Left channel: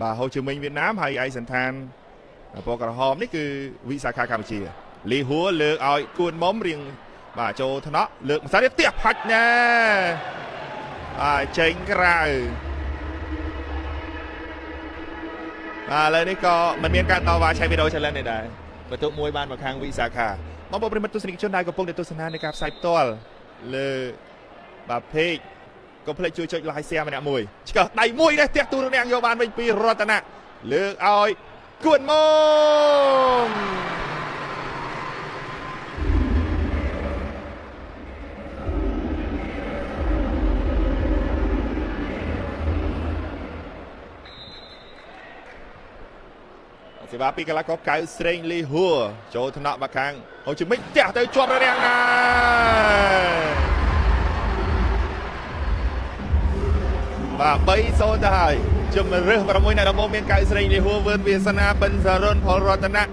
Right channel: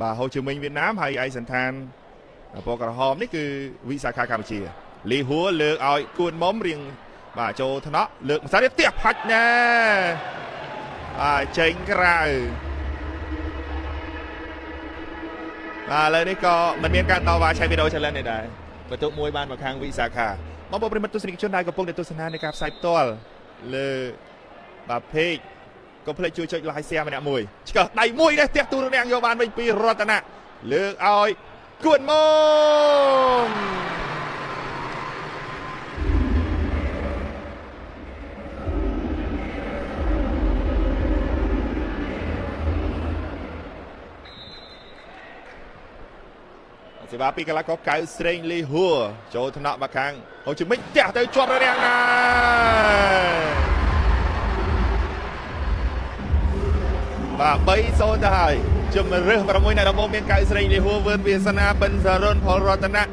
bà Hồ Chí Minh Việt Nam hay ai sẵn than bộ cả hòm đấy cứ vị xa khá Campuchia Lý húa lược oi cuốn móm riêng bà cho thân nó lược xa tiếp tiếp hạch nè chênh cái rào lời này có mình miễn cả tàu và chạy video cho lên này đây và tụi mùi bàn vào kháng vị xa khá mà bộ bình mất tôi sẽ định chân này của phong để tôi sẵn hàn để gặp sai toal lơ bà phê có phải chui chạy lại xe mà đã mùi chỉ cần đầy mùi đây tiếc tôi đang vô bàn với pi rotana lược oi cuốn mông thì bà pi cái lá có cái string li hùa cho thằng nọ bà khang Hồ Chí Minh trả tới chọn ra đen này và bây giờ đây chùm rừng và môi này là môi miền cái string li hùa vươn về sana bên giờ rôn Paul Rotana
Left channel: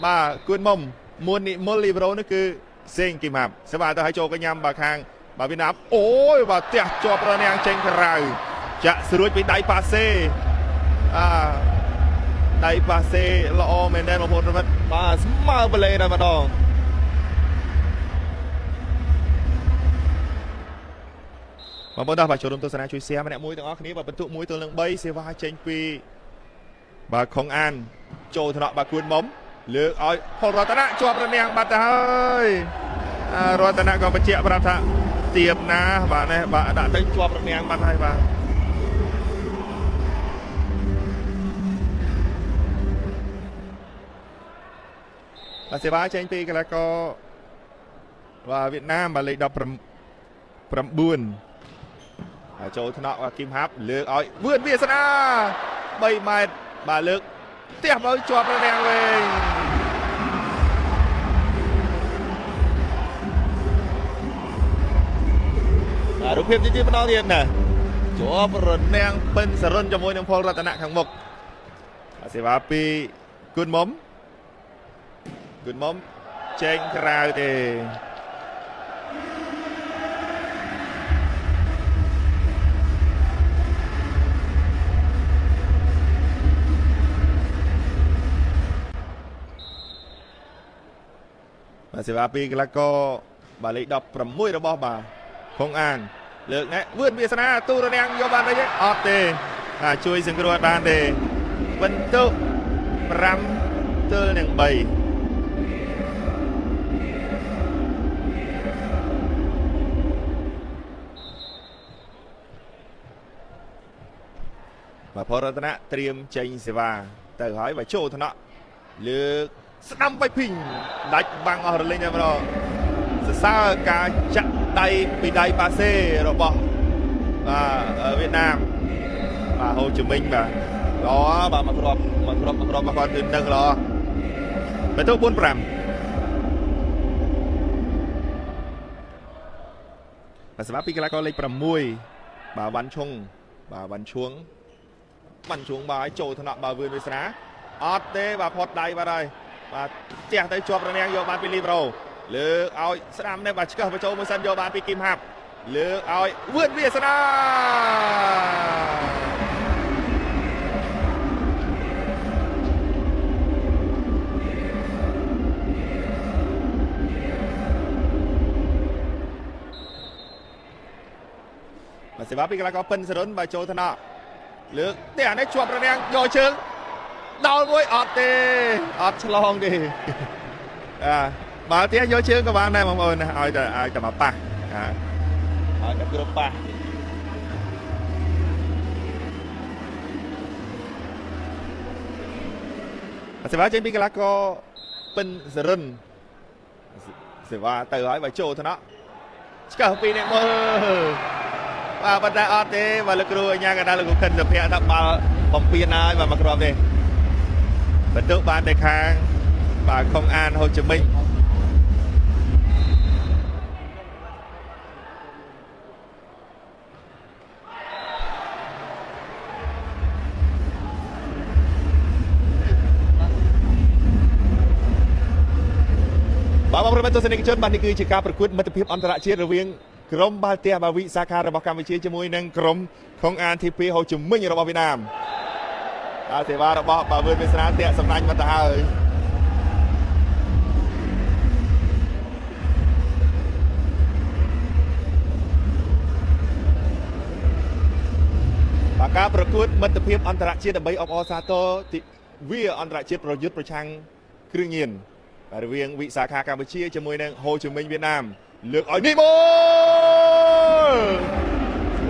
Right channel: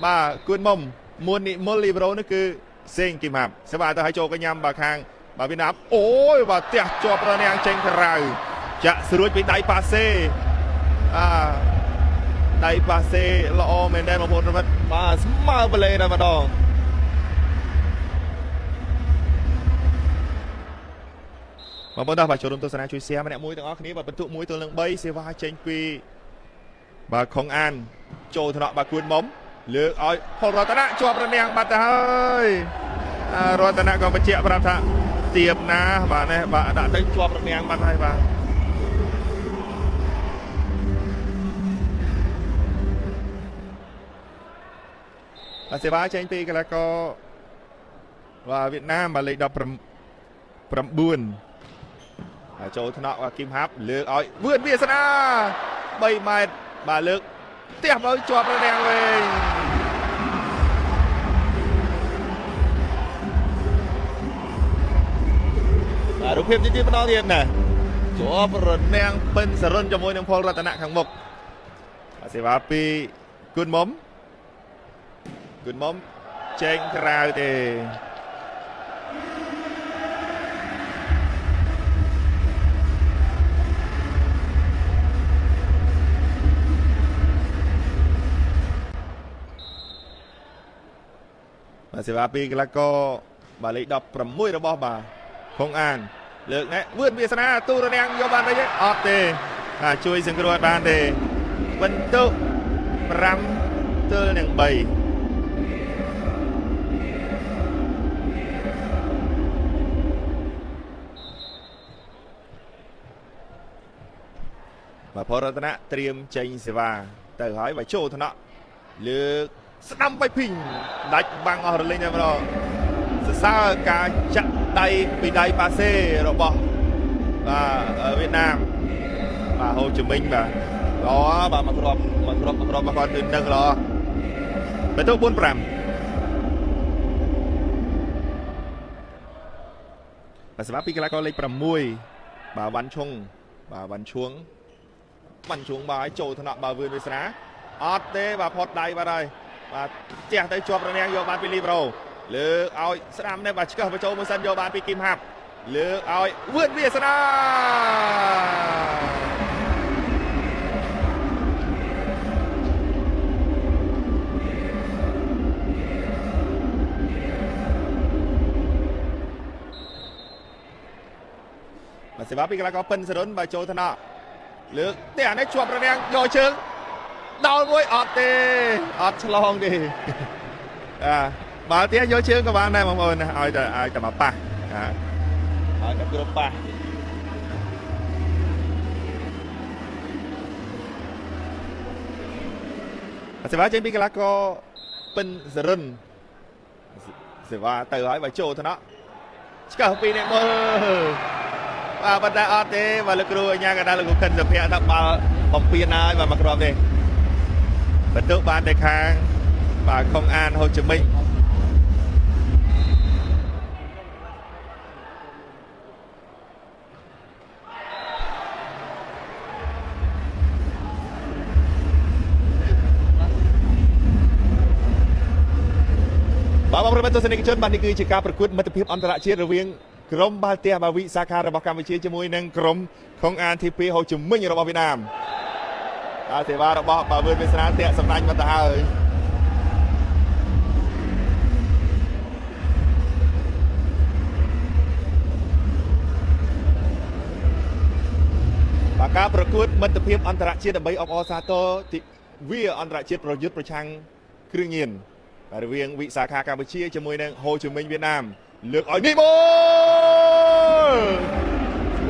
bà cuốn mông muôn nị môn libro nó cứ sinh kìm hạp sẽ bà ta hãy cho cái nhằm bà khang bà Việt Nam ôi bà tiếc cho bà đen trên cái rào chạ sự đuôi bị đáy passe đây passe lo men đây mà một vật mà smart bele này mà đó mà bọn ta phải cho đồng tôi sẽ chui xe mà nè mũi tao ngó này và bật tụ mũi tôi lưng bay xe vai trên quy bà không an cho thằng nọ bà cuốn móng lừa ơi còn rồi ta đã cho bà nè bà ta ơi rồi ta đã còn bà chẹo bà ta tiệp na bà này bà đã thấy cho bà nè bà này bà là xe vai trên pi cái là có và Việt Nam mà lấy đập pram buồn là chỗ thằng nọ và kim háp lược ơi vượt biển sana bay mai bà lược tiếp ơi cho nó đen lên rút thêm chi bắt đầu tiền nè chỗ rồi đen bên sờ run cho môi nông phong ra tai nạn hàng mục là xe vai pi cơn móm trên rào thì bà sẽ bà pi cái là có bà lấy đọc from mũi đó bỏ bà không an lượng này vươn bia sana tu rồi đang vô bàn đây chứ ọp thì chui dừng cái đôi bàn thì vẫn tu ram tơ nè bầy và Paul Rotana เตรียม ចេញ សេវា ទៅ ហើយ បើ ចូល ថ្នាក់ លើក ស្ដាំ បៃ ពីង ដាច់ បាំង អស់ រលេង តែ ម្ដង សរសើរ ការ ចាក់ ដៃ ពី ដៃ ប៉ាសេ របស់ វៀតណាម បាទ ហូជីមិញ បាទ ល្អ បាទ មក គ្រាប់ មក គាត់ គឺ នឹង ល្អ បន្ទុក 4-5 បាទ សម្រាប់ ពី កីឡាករ លេខ 6 បាទ វ៉ាន់ឈុង បាទ វ៉ាន់ឈួង bắn xuống bà ấy trồi thằng nọ bà vừa xá ọt tê bà phọt đầy vào đây và chè tới chụp rồi nè vô bàn Pilibro lừa ơi sẵn đây bà chỉ cần phải cho một sân vô bàn Kim Hạp lừa ơi vượt việt sân và sẽ bắt đi cái là có pin sẽ đến bà cho thằng nọ lược để nó chuột rồi nè vô chừng đau mũi ọt long đi bà tiếc vô chừng các bạn đây mọi người nè ai chả bảo pa ai chả cướp pa sẽ báo trên cái lá có pin rừng sẽ vào từ hỏi bà trâu thôi đó cả pin này mơ bắt đầu ọt thế và lực rồi nha cái đó là cũng cần dập hẹn đập bà bóng pin ai và mặc đồ về bất tử ban đề kháng và không an Hồ Chí Minh bảo bóng rơi bên tôi sẽ định chân bàn đi cứ chỉ caoประกวดមិត្តភាពអន្តរជាតិរវាងក្រុមបាល់ទះបាវីសាខារបស់កម្ពុជាជាមួយនឹងក្រុមខុងអានទី2ហូជីមិញរបស់វៀតណាម សេវារបស់បើវឿនវាសនាតាក់សំណាញ់មកទៅហើយការប្រកួតមិត្តភាពអន្តរជាតិដើម្បីអបអរសាទរវាអន្តរជាតិប្រយុទ្ធប្រឆាំងគ្រឿងញៀនរវាងវិសាខាកម្ពុជាជាមួយនឹងហូជីមិញវៀតណាមលើកឲ្យនេះបូល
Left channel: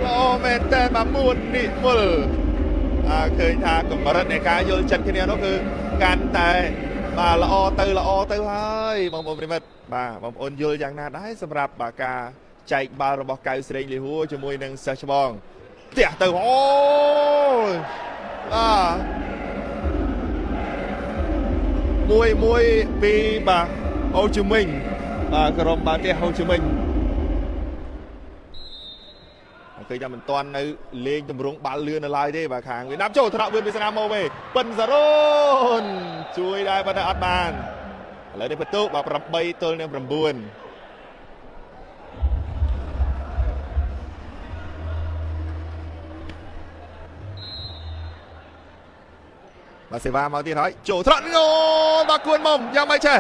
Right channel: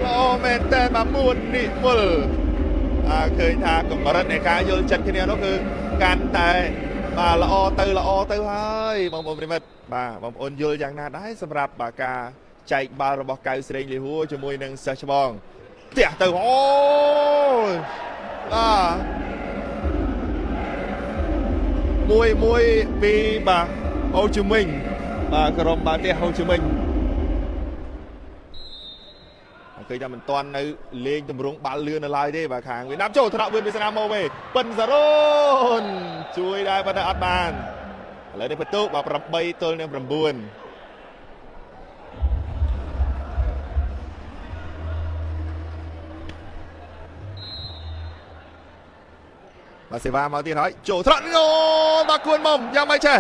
អូមែនតែមកមួននេះមើលឃើញថាកម្រិតនៃការយល់ចិត្តគ្នានោះគឺកាន់តែបាទល្អទៅហើយបងប្អូនប្រិមិត្តបាទបងប្អូនយល់យ៉ាងណាដែរសម្រាប់ការចែកបាល់របស់កៅស្រីលីហួរជាមួយនឹងសិស្សច្បងផ្ទះទៅអូយមួយពីបាទហូជីមិញបាទក្រុមបាទផ្ទះហូជីមិញឃើញថាមិនទាន់នៅលេងតម្រង់បាល់លឿននៅឡើយទេបាទខាងវៀតណាមចូលថ្នាក់វឿនវាសនាមកវិញប៉ិនសារ៉ូនជួយដែរប៉ុន្តែអត់បានឥឡូវនេះបន្ទុកបាទ8ទល់នឹង9បាទសេវាមកទៀតហើយចូលត្រង់អូបាទគួនមុំយ៉ាងម៉េចចេះ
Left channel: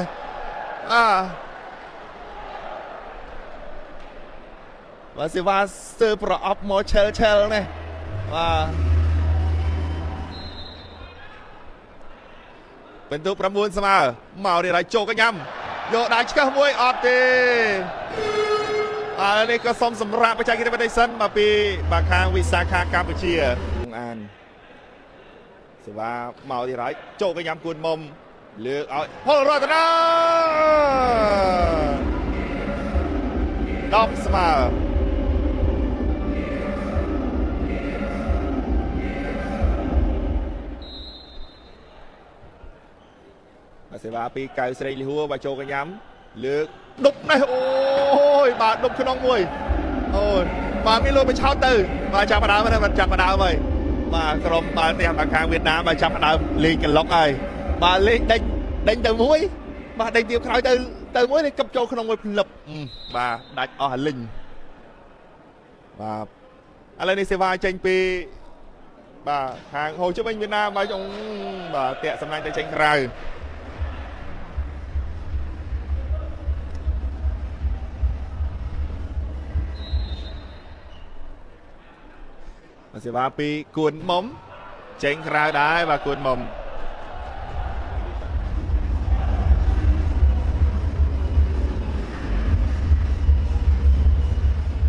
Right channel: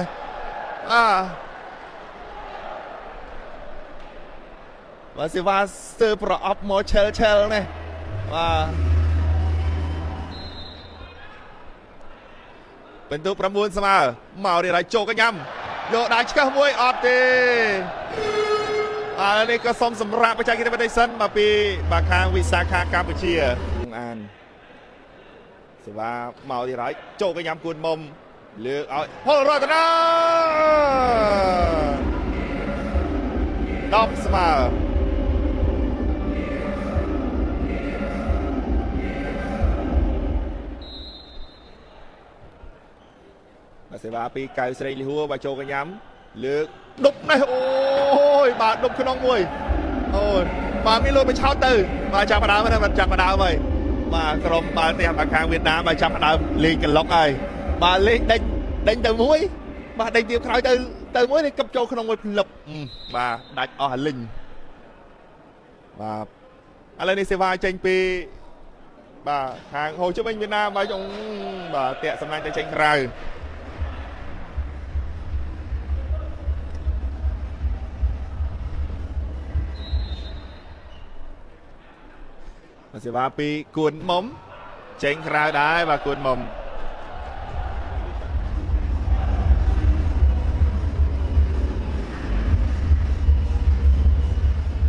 បាទសេវាស្ទើរប្រអប់មកឆែលនេះបាទបន្ទុក9ស្មើមកនេះហើយចូលកញ្ញាំយកដៃឆ្កឹះមួយអត់ទេនេះក៏សុំសម្រាប់បច្ចេកទេសបន្តិចសិនមកពីបាទខាងវិសាខាកម្ពុជាសេវាមកទៀតហើយចូលកញ្ញាំគួនមុំលើកឲ្យពលរតនា10ស្មើសេវាពីកៅស្រីលីហួរបាទចូលកញ្ញាំលើកដប់នេះអូយបាទដប់ក្នុងមួយអូយបាទមានលោកបញ្ឆោតទៅបាទចាប់ដើមហើយបាទចាប់ដើមហើយបាទក្រុមបាទផ្ទះមកខាងវៀតណាមបាទចាប់ដើមលេងកន្លុកហើយបាទលេងដេញទៅមួយបាទដេញទៀតក្រោយទៅមួយនេះកັບចូលក្នុងមួយផ្លឹបបាទដាច់អស់លីងបាទឥឡូវនេះសេវាចេញពីបាទខាងហូជីមិញវៀតណាមបាទចុងបាទតាក់សម្លាញ់ទៅចេញក្រៅសេវាពីគួនមុំចេញក្រៅដែរបាទគួនមុំ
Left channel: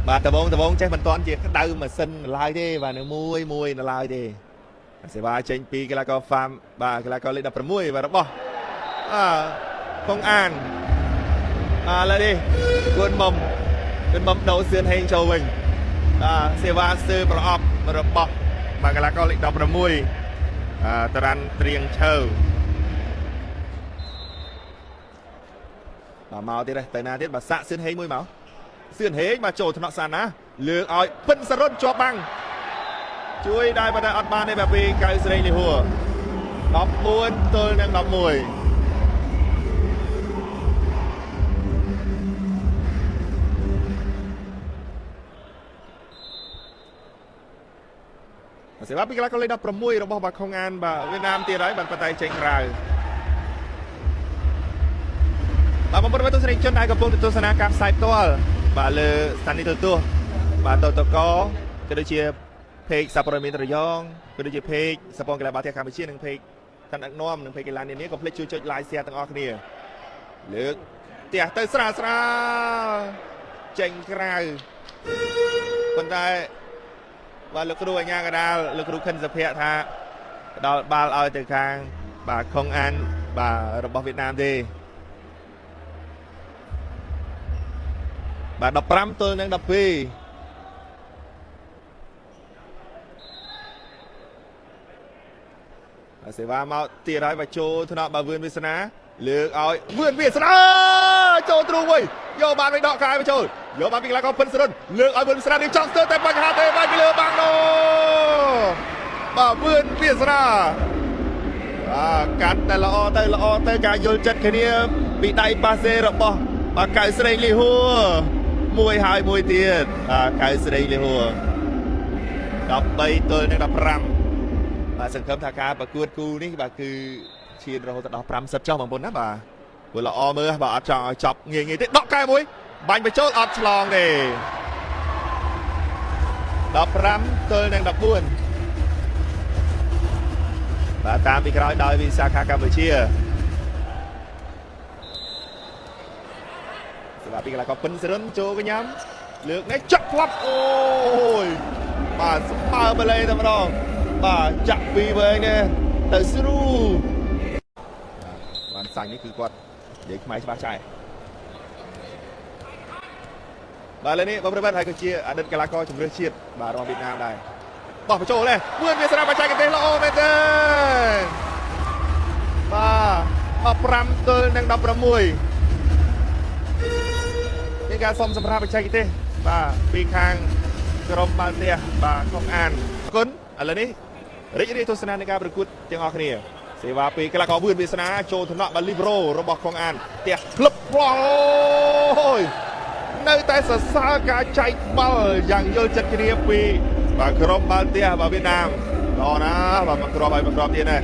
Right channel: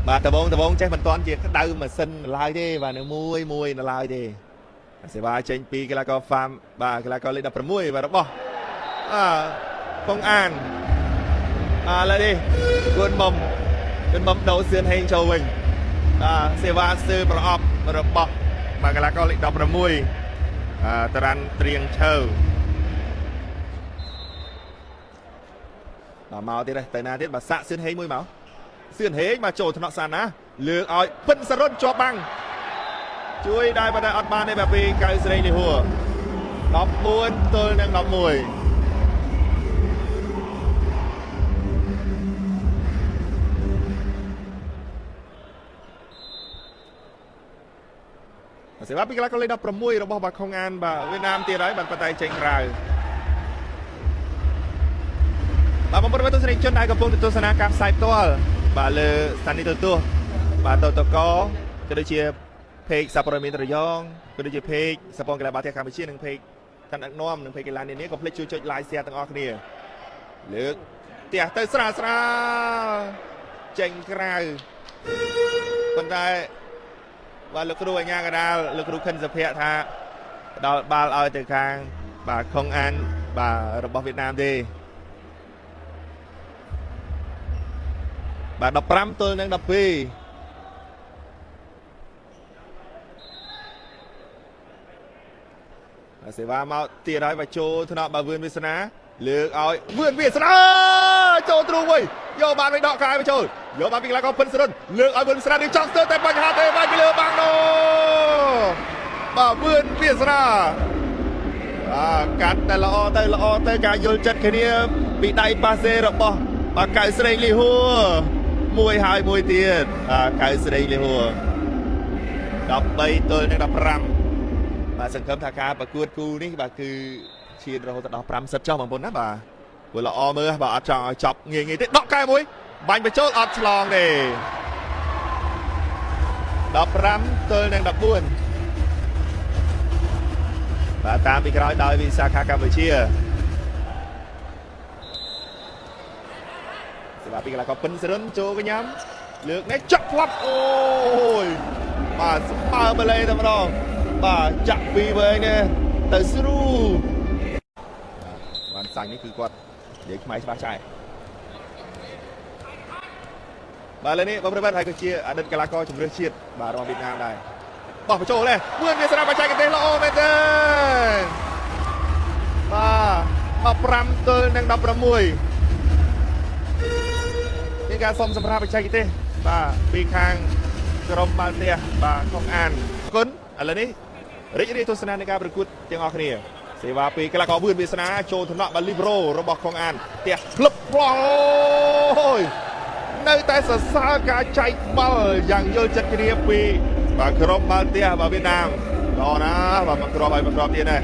បាទដបងចេះមិនតាន់ជាក្តៅម៉ាស៊ីនឡើយទេបាទនៅមួយនៅឡើយទេសេវាចេញពីកីឡាករ Farm បាទកីឡាករលេខ16បាទរបស់កងអានឥឡូវនេះគួនមុំដូរសឿនហេងចូលវិញសេវាស្ទើរប្រអប់របស់បាទកីឡាករលេខ16តារាន់ត្រៀងឈើមកទៀតទៅណាទៀតបាទសាក់សឿនហេងមួយមកសឿនហេងមកចូលថ្នាក់សានណាលើកឲ្យពិនសរុតជាប់បាំងជួយដែរបើអត់បានទេបាទពីកៅស្រីលីហួរ14ទល់នឹង11សេវាពីកីឡាករលេខ16របស់បាទខុងអានបាទវៀតណាមទៀតហើយបានប៉ុន្តែចេញក្រៅបាទបងប្អូនទស្សនិកជនដែលកំពុងទស្សនាការផ្សាយផ្ទាល់បាទលើស្ថានីយ៍ទូរទស្សន៍បាទតកក៏ដូចជាเพจសាព័ត៌មានរយងក៏ដូចជាเพจសពងកីឡាបាល់ទះកម្ពុជានិងเพจឋានដឹកនាំនិងเพจកីឡានានាកុំភ្លេចជួយចុច like share ទាំងអស់គ្នាលើកផ្ទះទៅស្រាលចេញក្រៅប៉ុន្តែបាទលោកគ្រូអញ្ញាកដាលលោកគ្រូខិនសុភ័ក្រថាផ្ដល់បាល់ឲ្យទៅខាងបាទខុងអានបាទរបស់វៀតណាមទេបាទ15ទល់នឹង12សេវាមកទៀតហើយបាទចូលថ្នាក់បាទវឿនវាសនាលើកឲ្យវឿនវាសនាចូលទ្រូងវិញយកបានវិញដកក្រៅមកចូលយកបានពីកីឡាករពិនសរុនលើកឲ្យវឿនវាសនានឹងចង់ស្ទើរតែបញ្ហាទេបាទពីលើបាំងនោះបាទវឿនវាសនាកាត់តែល្អទៅការយល់ចិត្តគ្នាពីដៃប៉ាសេរបស់បាទកៅស្រីលីហួរមួយហើយមួយទៀតកៅស្រីលីហួរ13ទល់នឹង15បាទ សង្ឃឹមថាការប្រកួតគូនេះបាទគឺឈានរហូតដល់50ចុះបងប្អូនណាបាទព្រោះល្អមើលបាទអត់ចង់ឲ្យចប់ងាយទេដកកែមួយបាញ់បញ្ចូលអត់ឆ្លងទេ15ទល់នឹង14បាទតាមពីក្រោយដោយវិសាខាកម្ពុជាសម្រាប់ពីកីឡាករពិនសរិនចូលកញ្ញាំលើកនេះចាក់ផ្លាប់អូយបាទស្មើបលេតែម្ដងបាទចាក់ពីវែងនេះទៅស្រូបានសាញ់នេះគឺគាត់និយាយខ្មែរច្បាស់ចាស់បាទលើនេះបងប្អូនហើយក៏ជាអតីតកីឡាករជម្រើសជាតិបាទរបស់វៀតណាមដែរបោះបញ្ចូលនេះមួយវាស្រាប់បច្ចេកទេសល្អមែនទេបាទ15ទល់នឹង16មានការសុំសម្រាប់បច្ចេកទេសបាទពីខាងក្រុមបាល់ទះបាទកងអានអរគុណឥឡូវនេះរីករាយទស្សនានៃការប្រកួតទាំងអស់គ្នាសេវាពីកីឡាករវឿនវាសនាចូលថ្នាក់បាល់លីប្រូរបស់កងអានផ្ទះផ្លឹបផ្លោយនៅតែសរសើរការចែកបាល់យ៉ាងយល់ចិត្តគ្នាពីបាទក្រុមបាល់ទះបាទវៀតណាមល្អណាស់បាទមកគ្រាប់ឲ្យមកគ្រាប់ទៀតណា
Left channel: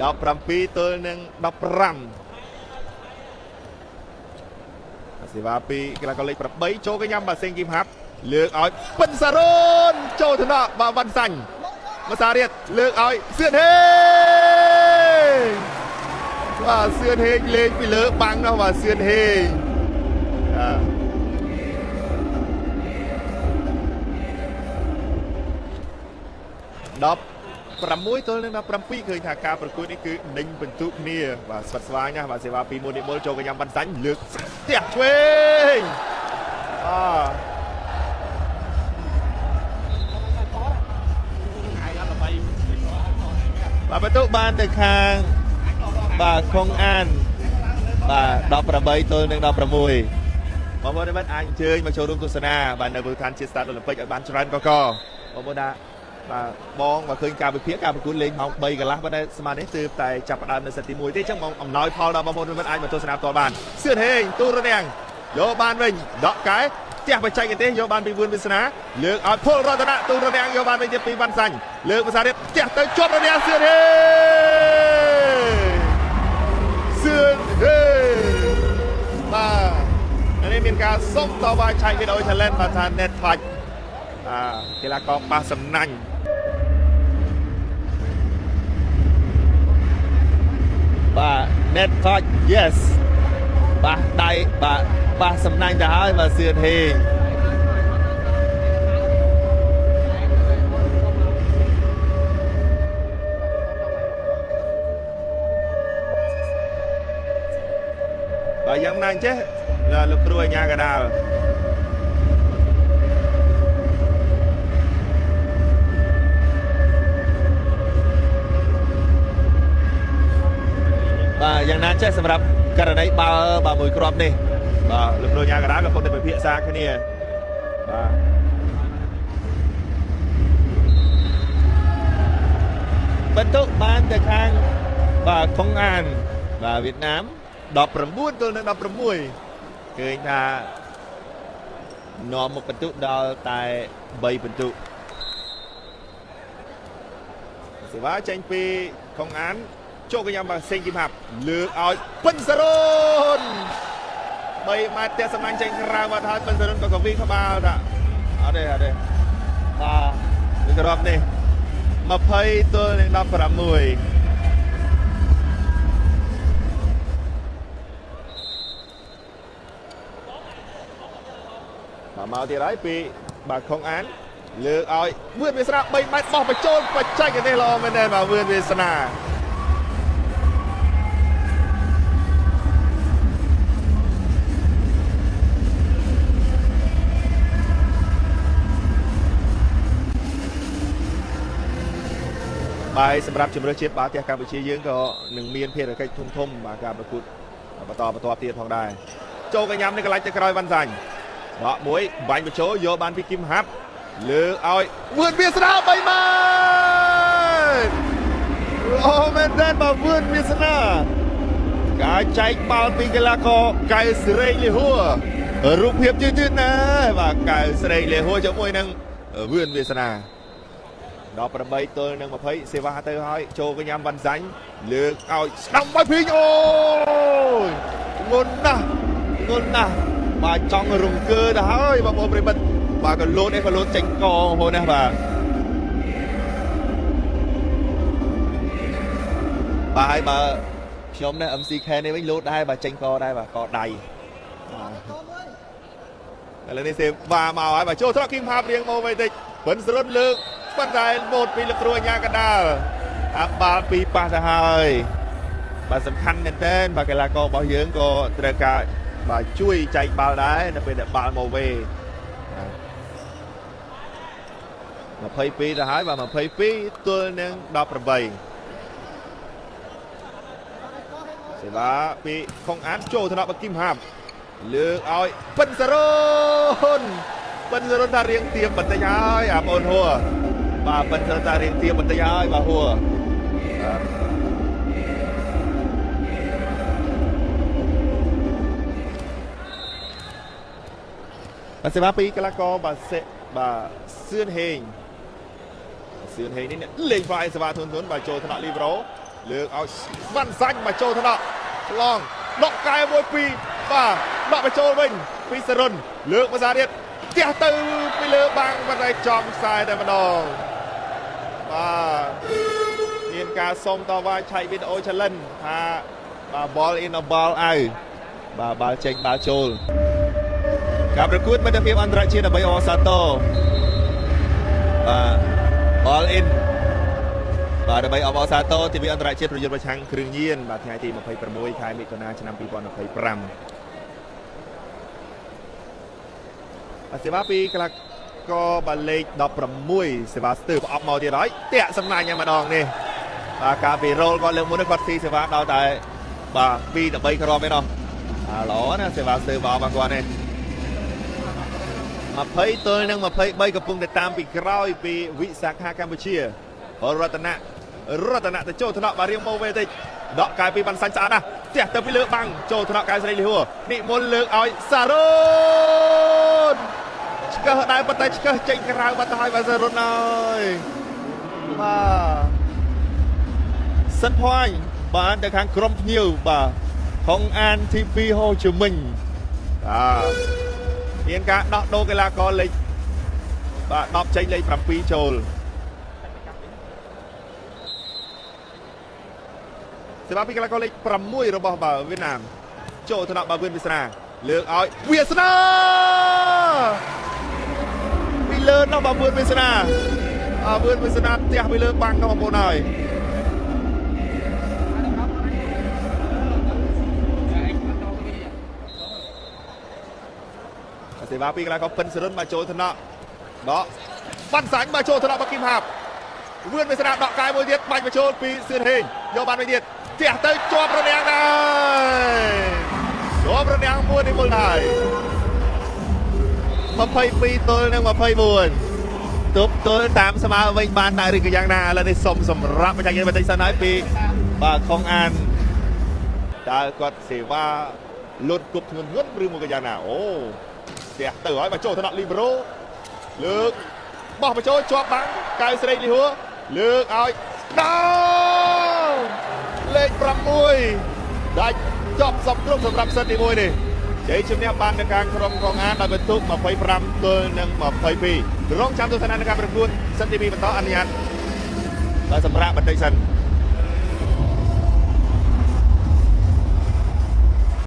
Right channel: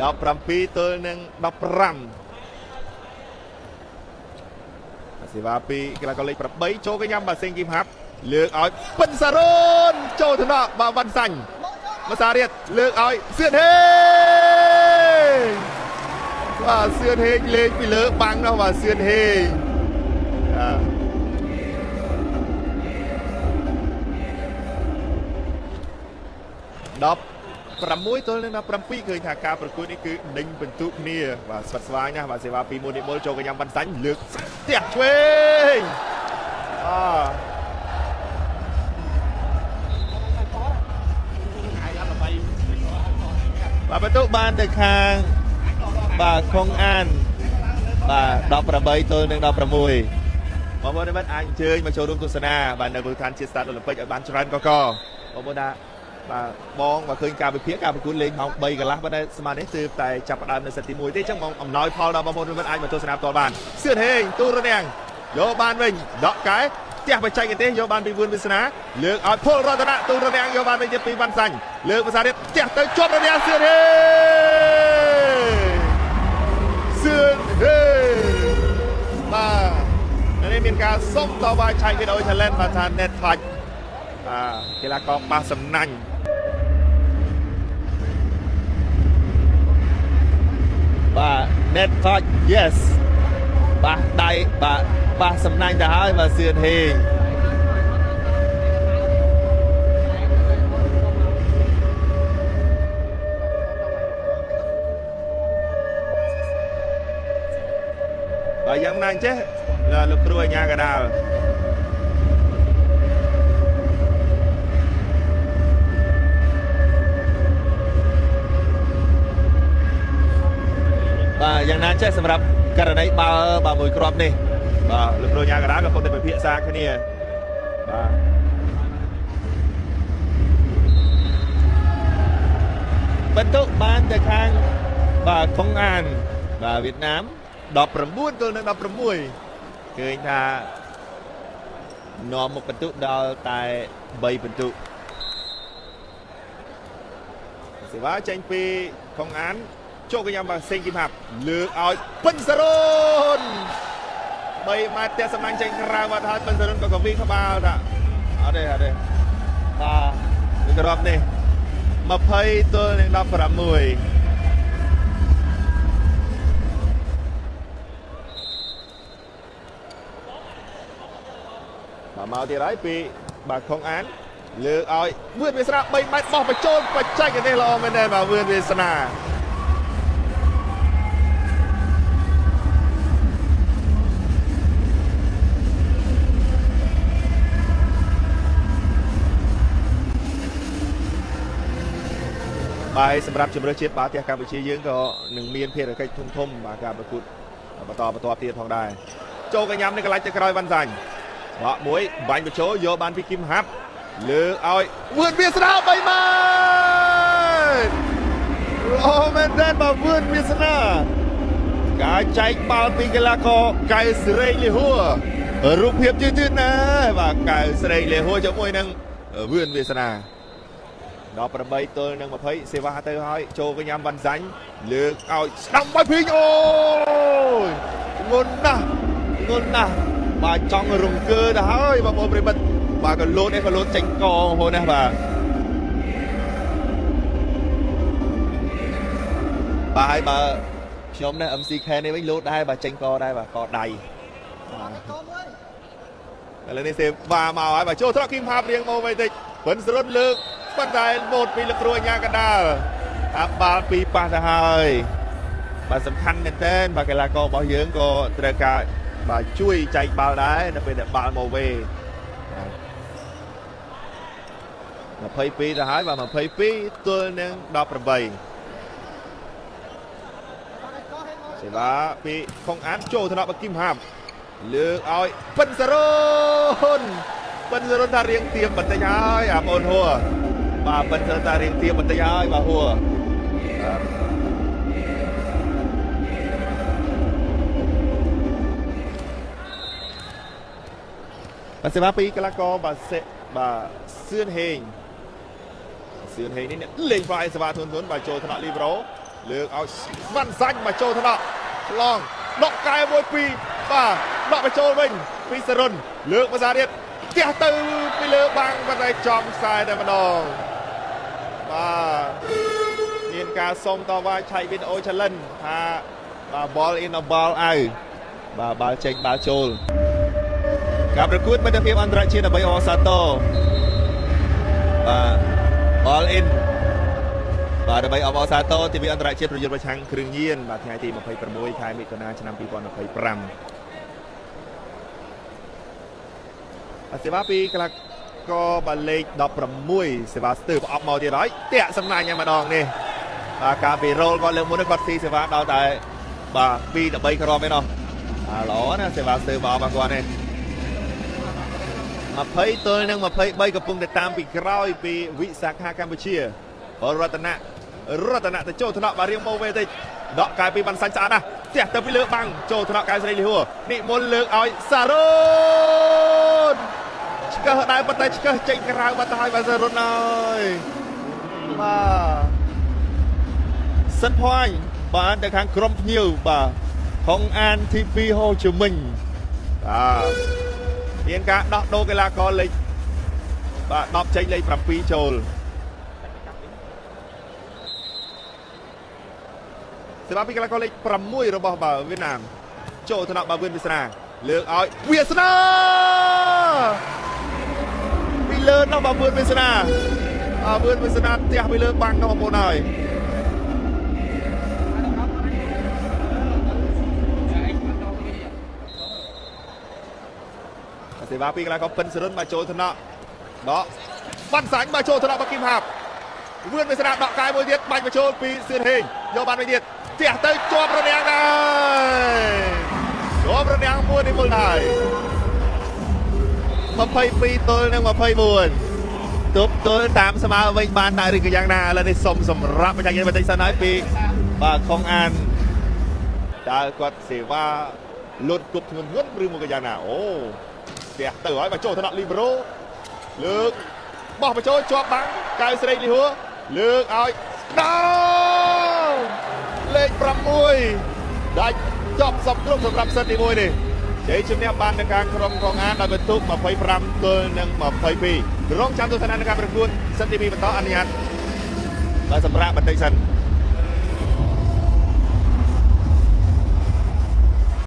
17ទល់នឹង15សេវាពីកីឡាករលេខ8ចូលកញ្ញាំបាទសេងគីមហាប់លើកឲ្យពិនសារ៉ូនចូលទៅដល់បាទវ៉ាន់សាញ់មកសារៀតលើកឲ្យសៀនហេបាទសៀនហេលេងពីលើបាំងដល់បាទសៀនហេ16ទល់នឹង17ឃើញថាការប្រកួតនេះគឺដេញបន្ទុកគ្នាបាទស្វិតស្វាញណាស់បាទសេវាពីមួយនេះបុលចូលកញ្ញាំបានសាញ់លើកផ្ទះឆ្វេងបាទបន្ទុកបានទៅខាងបាទខុងអានបាទ18ទល់នឹង16បងប្អូនអាចអញ្ជើញមកចូលរួមទស្សនាបាទនៅមូលដ្ឋានជាតិស្តាតអូឡ িম্প ិកឲ្យបានច្រើនកកបងប្អូនថាបាទបងមកឃើញការវិភាគការប្រកួតលេងម៉ោង3កន្លះប៉ុន្តែស្មាននេះគឺតែចាប់ផ្ដើមនៅសិតទី1ទេអញ្ចឹងបងអំណោយផលដល់បងប្អូនអាចមកទស្សនាផ្ទាល់បានសឿនហេងទូរនាងយកបានវិញដកកែផ្ទះបច្ចេកទេសយកបានពីវឿនវាសនាលើកឲ្យពលរតនៈទូរនាងយកបានវិញទៀតពីវ៉ាន់សាញ់លើកភាសារៀបផ្ទះទៅជាប់រនាងសឿនហេសឿនហេបាទនេះមានការសុំតវ៉ាឆៃវីដេអូ challenge បាទថា net touch កីឡាករប៉ះសំណាញ់បាទ net touch yes ប៉ះដៃបាទប៉ះសំណាញ់ទៅហើយបាទសឿនហេងបាទយ៉ាងណាអញ្ចឹងលោកគ្រូអាញាកដាលយ៉ាងណាចេះសម្រាប់ករណីបាល់បាទមួយគ្រាប់នេះបាទលោកគ្រូញ៉ាកណ្ដាលក៏ពុទ្ធតែពិភាក្សាគ្នាបាទបន្ទុកបានទៅខាងបាទខុងអានបាទវៀតណាម19ទល់នឹង16ឃើញថានាំមកបន្ទុកដល់តែ3បន្ទុកសេវាចេញពីខុងអានចូលកញ្ញាំបាទសេងគីមហាប់លើកឲ្យពិនសារ៉ូន3ម៉ែត្រផ្ទះសម្លាញ់ចេញក្រៅបាត់ហើយពិនសារ៉ូនក៏វិញក្បាលថាអត់ទេបាទវាក្របនេះ20ទល់នឹង16មកទៀតហើយពីបាទខុងអានលើកឲ្យវឿនវាសនា3ម៉ែត្របោះបញ្ចូលបច្ចេកទេសល្អមែនទេបាទវឿនវាសនាហើយសម្រាប់ជំរឿនជាតិបាល់ទះកម្ពុជាយើងក៏នឹងមានភារកិច្ចធំបាទការប្រកួតបន្តទៀតផងដែរចូលកញ្ញាំនេះកន្លែងទៅក្រោយវ៉ាន់សាញ់បកមួយបាញ់បញ្ចូលយកបានពីគីមហាប់លើកឲ្យវឿនវាសនា3ម៉ែត្រអូមែនទេបាទវឿនវាសនាការចែកបាល់ពីកីឡាករកែសេរីយហួរ រូបភាពទៀតណាបាទកៅស្រីលេហួរជាមួយនឹងវឿនវាសនាដល់8ទល់នឹង20សេវាទៅហើយចូលកញ្ញាំវ៉ាន់សាញ់លើកឲ្យស្ដាំបាយភីងអូយងន់ណាស់បាទចង់រង្គើទៅហើយបងប្អូនប្រិមិត្តបាទក៏លោតឯងក៏លោតចេញកហូនណាបាទបាយបើខ្ញុំនៅ MCK នេះវិញលោតដែរបាទចេញកដែរបាទកដៃឥឡូវនេះសេវាមកហើយបាទចូលត្រកគីមផាបរៀងមកវិញតិចពិនសរុបលើកប៉ុន្តែលោតពីលោកគ្រូអញ្ញាកដាលអាបាល់ពីប៉ះទៅហើយបាទសំខាន់មែនទែនបាទកីឡាកររបស់យើងក៏ត្រូវការបាទជួយចែកបាល់ដែរនៅពេលដែលបាល់មកវេ22ទៅហើយបាទ22ទល់នឹង18សេវាពីខុងអានចូលថ្នាក់បកគីមហាប់លើកឲ្យពិតសរុនតារៀងទៀបបន្តិចហើយអាបងហួរបាទពិតសរុនតារៀងទៀបបន្តិចហើយបាទហួរបាទសេវាពីកីឡាករបាទសឿនហេងនេះលេងវាយសេវាធុនបាទចូលថ្នាក់លីប្រូលើកឲ្យវ៉ាន់សាច់មកចូលថ្នាក់ឆ្លងដកកែមួយពីបាទបកបញ្ចូលវិញពីសរុនលើកភាសាទៀតផ្ទះទៅពីលើបាំងប៉ុន្តែចំខ្សែតែម្ដងបាទមានការសុំតវ៉ាឆៃវីដេអូ challenge ថាបាទ ball in a ball out បាទបាល់ចេញបាល់ចូលការប្រកួតមិត្តភាពអន្តរជាតិដើម្បីអសាទរបាទ ball in បាទដើម្បីអបអរសាទរទិវាអន្តរជាតិប្រយុទ្ធប្រឆាំងគ្រឿងញៀនបាទថ្ងៃទី26ខែមិថុនាឆ្នាំ2025បាទសេវាពីកីឡាករបាល់លេខ16សេវាស្ទើប្រអប់មកទៀតហើយតាក់សម្លាញ់យ៉ាងម្ដងនេះបាទការពីរ៉ូលគាត់លើកមុននេះគាត់ស៊ីសេវាដល់តែបាទ2 3គ្រាប់ឯណោះល្អណាសេវាស្ទើមកមកគាត់នេះ20ទល់នឹង23កំពុងតែតាមពីក្រោយពីវិសាខាកម្ពុជារតនៈទៅចូលថ្នាក់មករៀងមកវិញតិចដកកែពីបានសាច់ស្អាតណាស់ផ្ទះទៅពីលើបាំងចូលថ្នាក់កែស្រីលីហួរនិមន្តលើកឲ្យសារ៉ូនឆ្កឹះដែរប៉ុន្តែឆ្កឹះចេញក្រៅបាត់ទៅហើយបាទសារ៉ូនហើយបាទសិនភ័យបានទៅខាងក្រុមភ្ញៀវបាទខុងអានទី2ហូជមិញមានការដោះដូរកីឡាករលេខបាទ10ចេញលេខ7ចូលសេវាពីកីឡាករលេខ6របស់បាល់វៀតណាមចូលថ្នាក់បាល់វឿនវាសនាលើកឲ្យវាសនាពីលើដល់បាល់វឿនវាសនាវឿនវាសនាផ្ទះពីលើបាំងដល់បងប្អូនហើយសេវាពីកីឡាករពិនសរុនមកចូលថ្នាក់ដកបាត់សាញ់មកចូលថ្នាក់បាល់គីមហាប់វឿនវាសនាដកកាយមួយទៀតបាច់មកចូលពីសៀនហេងយកបានមួយទៀតផ្ទះទៅជាប់រនាំងដែរជាប់រនាំងមួយនេះមុនហើយ22ទល់នឹង24ទប់ទល់តាមស្មើវិញបានដែរឬក៏យ៉ាងណាឥឡូវនេះសុំសម្រាប់បច្ចេកទេសបន្តិចសិនហើយពីបាទខុងអានតើគាត់សេវាលុតគប់ធ្ងន់ឬមកយ៉ាងណាអូផ្ទះទៅហើយមកចូលថ្នាក់លីប្រូលើកបោះបញ្ចូលជាប់បាំងកៅស្រីលីហួរលើកឲ្យដល់លេខ6ដាច់ចប់សំគ្រប់សម្រាប់សិនទី1នេះជ័យជំនះបាននៅការក្រុមខុងអានដោយបន្ទុក25ទល់នឹង22រងចាំទស្សនានៅការប្រកួតសិនទី2បន្តអនុញ្ញាតដល់សម្រាប់បន្តិចសិន